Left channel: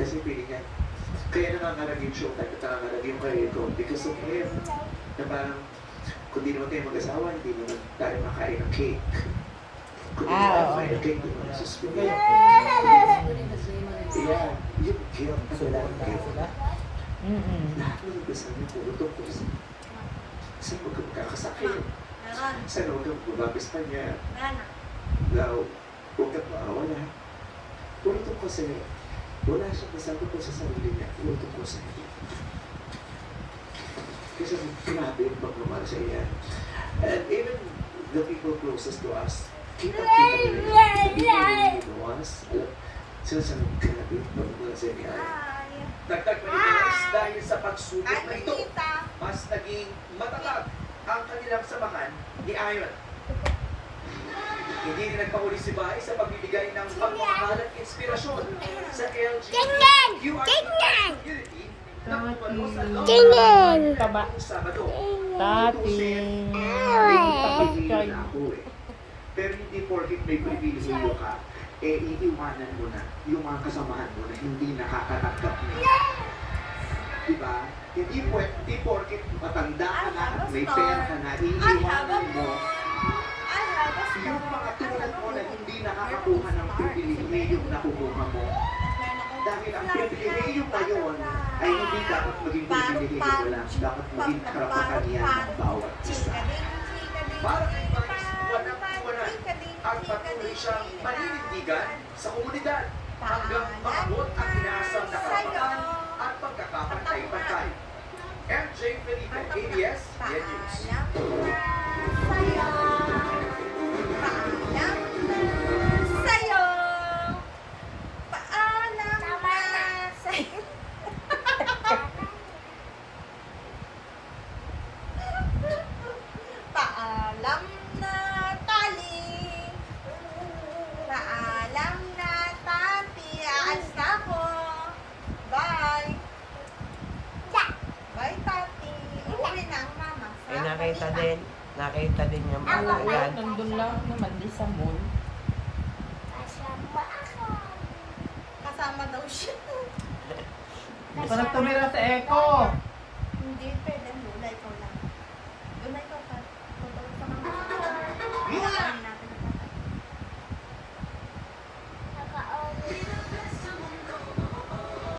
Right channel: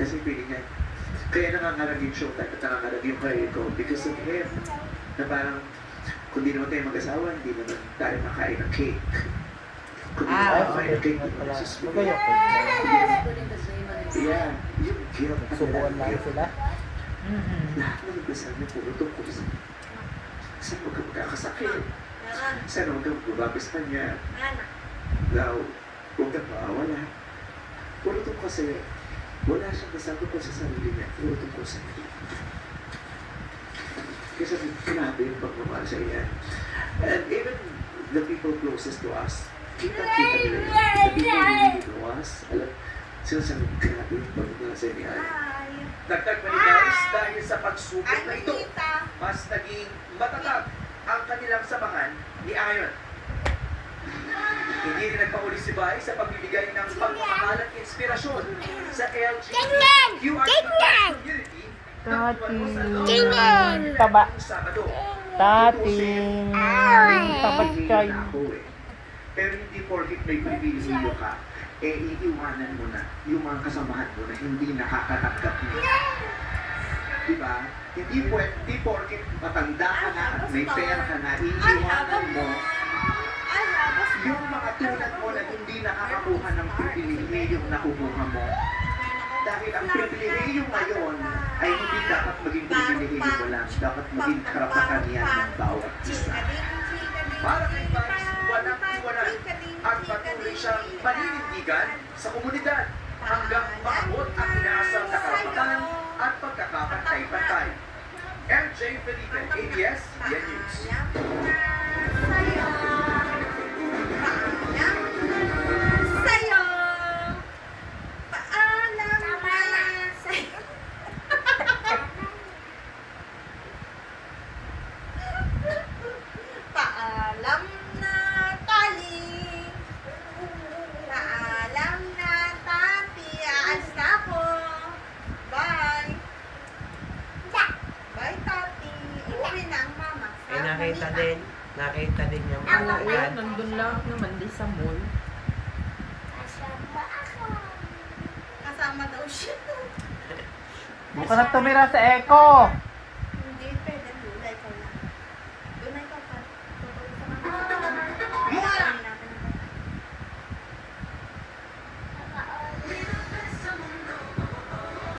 Kasi feeling niya, kaya nangangarag yung showtime at nangangarag yung career ko because of him. Na parang, kung di naman tayo mag-asawa, hindi naman tayo makain ng cake. Kung di naman tayo makain ng cake, di naman nasusunod. Yeah, yung guilt, ang lalang guilt. Lahat ng umpisa niya, puro tungkol sa huwag kang magkakasakit. Sana huwag kang bumabis ka niya. Now, huwag kang maawala. Puro tungkol sa'yo. Wala siyang masabi pa sa sarili niya. Puro tungkol sa'yo. Kasi grabe yung pagmamahal sa iyan. And even the people closest to us, kita-kita nila yun. The people who really know us, alam, sinasabi, grabe yung pagmamahal sa iyan. Dagdag pa ni guys, dahil sa pagsubok na ito, mas naging matatag ang kanilang samahan ni Iron. Hindi rin nagpahuli si Bai sa pagbibigay ng pagmamahal at inspirasyon sa LGBTQIA community na tumano sa loob ng Sabado. Tating. May ako eh. Pero hindi porkit may pribilehyo ka, eh iiwanan mo na yung mga kasamahan mo na hindi nakakatanggap mo. Diba? Hindi porkit matanda ka na at may pera ka na, iiwanan mo yung mga tulad mo na hindi nakakakuha ng pribilehyo na nakukuha mo. Dahil ang pribilehyo ngayon ay hindi dapat maging pribilehyo mo lang, dapat maging karapatan yan ng bawat isa. Para kay Vice, walang-iwanan at patuloy siyang paninindigan sa komunidad hanggang maabot ang inaasang na karapatan at pagkakapantay-pantay. MJ Felipe, ABS, Yan News. Paalam na tali. Paalam na tati. Aalis na ako. Bye. Bye, tati. Uuwi na ang mama. Ay, nakita din niya Ano mga ba? yan. Nandun lang naman din sa mall. Kasama daw siya. Parang tumira sa Echo. Hindi, pwede. Lula, ikaw lang.